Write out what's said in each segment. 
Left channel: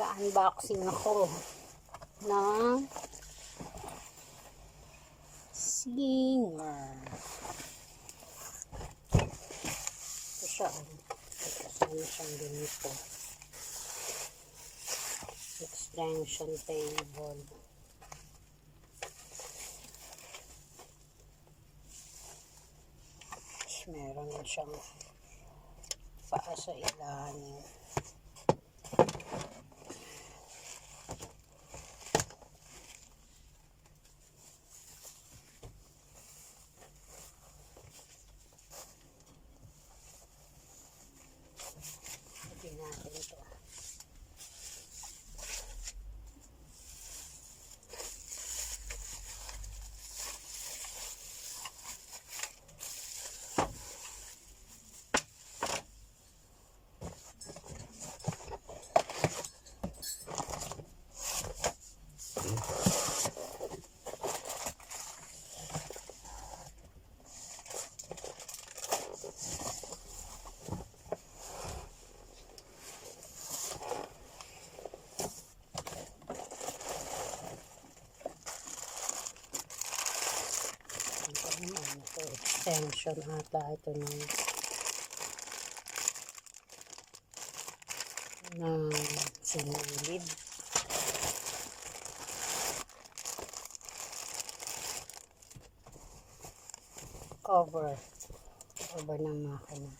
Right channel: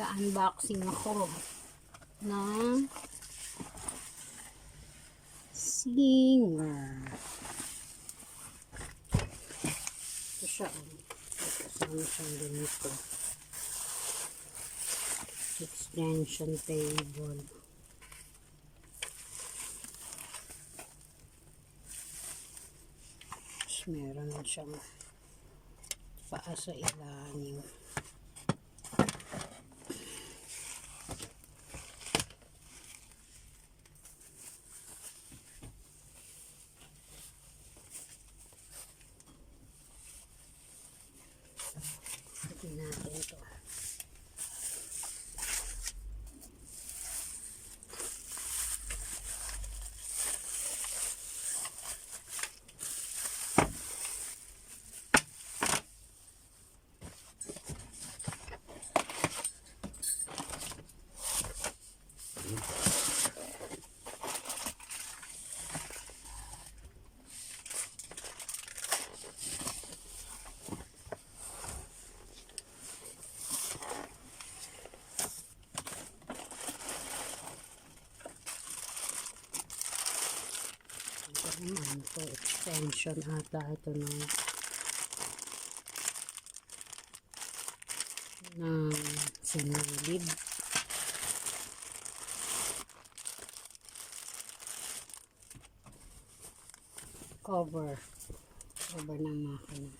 Mag-unboxing ako ng Singer. Ito siya. Kasama siyang ganito. Extension table. Tapos meron siyang paa sa ilalim. Sabihin natin ito. Ito, extension ata ito ng sinulid. Cover ng makina.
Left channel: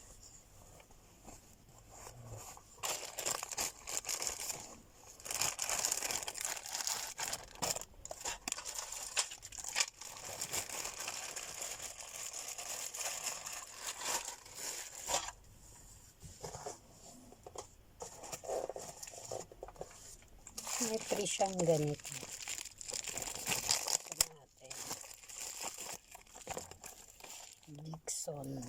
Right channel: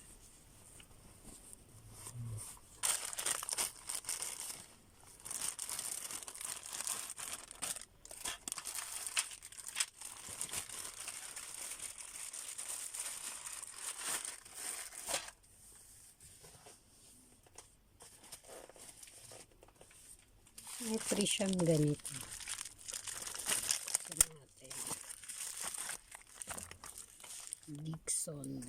May free siyang ganito. Ito natin. Dixon.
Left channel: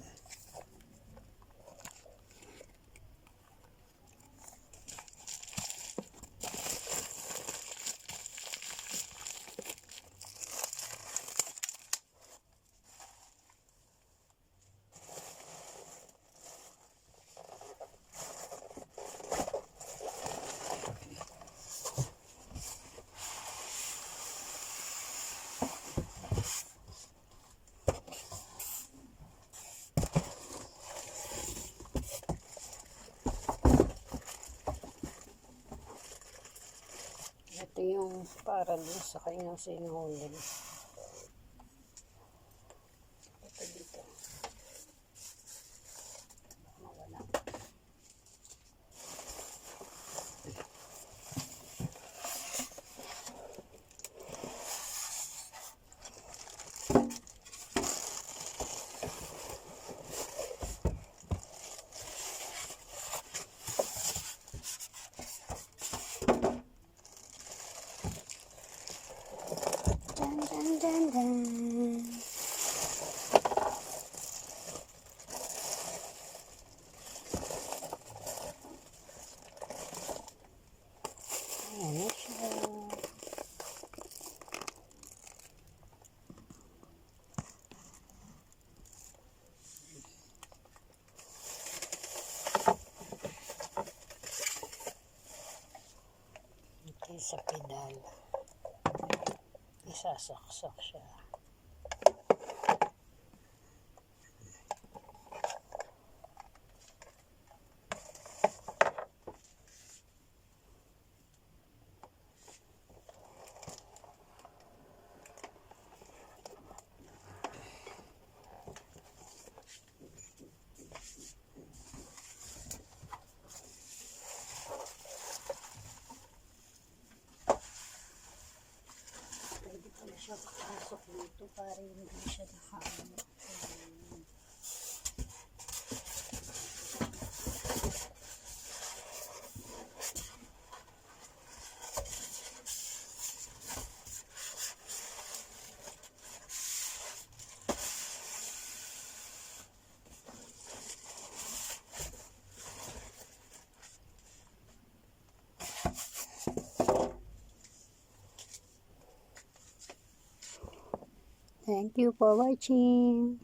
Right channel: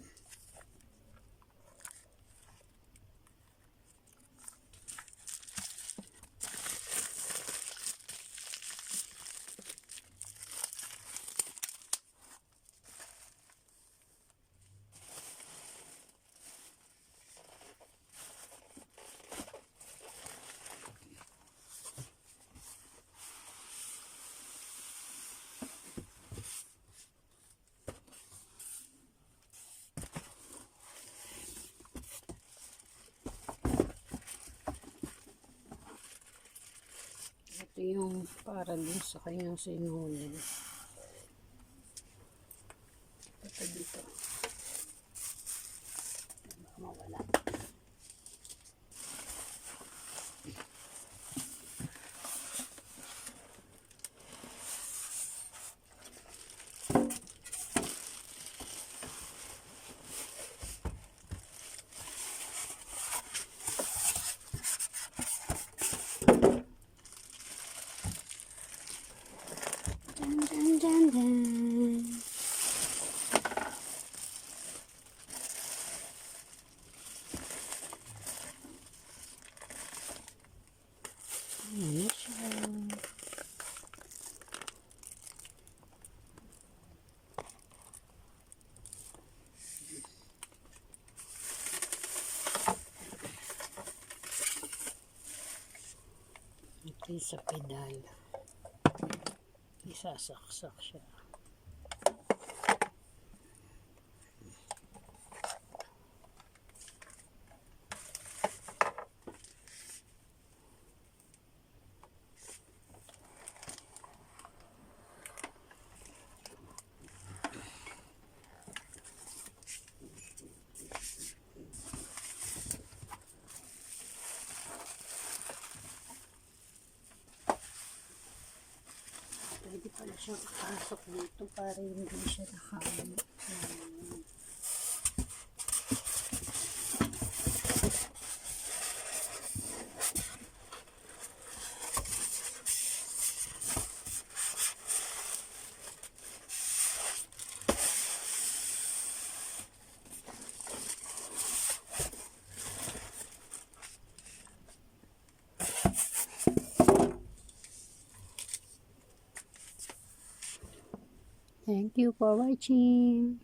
Ito yung para din sa kanyang sinulid. Ito dito. Mawala. Dun. Ayan siya. Ito sa pedal. Isasaksak siya. Pwede pala siya kakasok dito para hindi siya nakaano. Thank you for watching.